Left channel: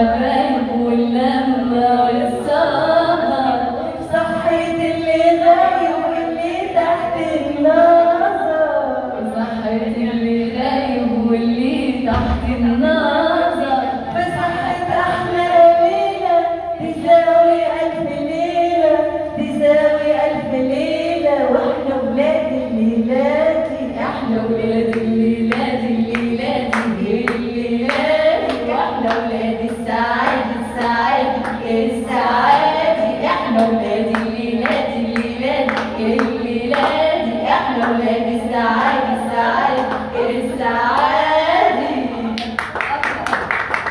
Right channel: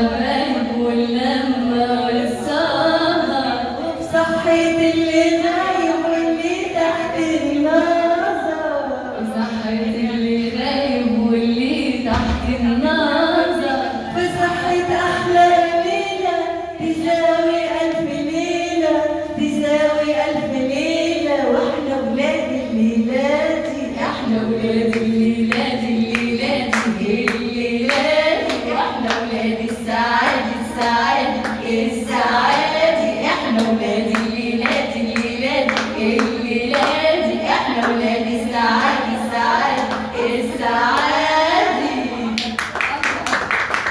والحبايب واللمة والسهر، صحيت اللي غايب واللي تحت النظر، صحت اللي غايب واللي تحت النظر، في صحة أحلى أمينة تساوي ألف ليلة، تساوي ألف ليلة، وإحنا ولاد الليلاتي، احنا ولاد الليلات الليلات الليلات، احنا ولاد السعاد السعاد السعاد، احنا ولاد الليلات الليلات الليلات، احنا ولاد السعاد.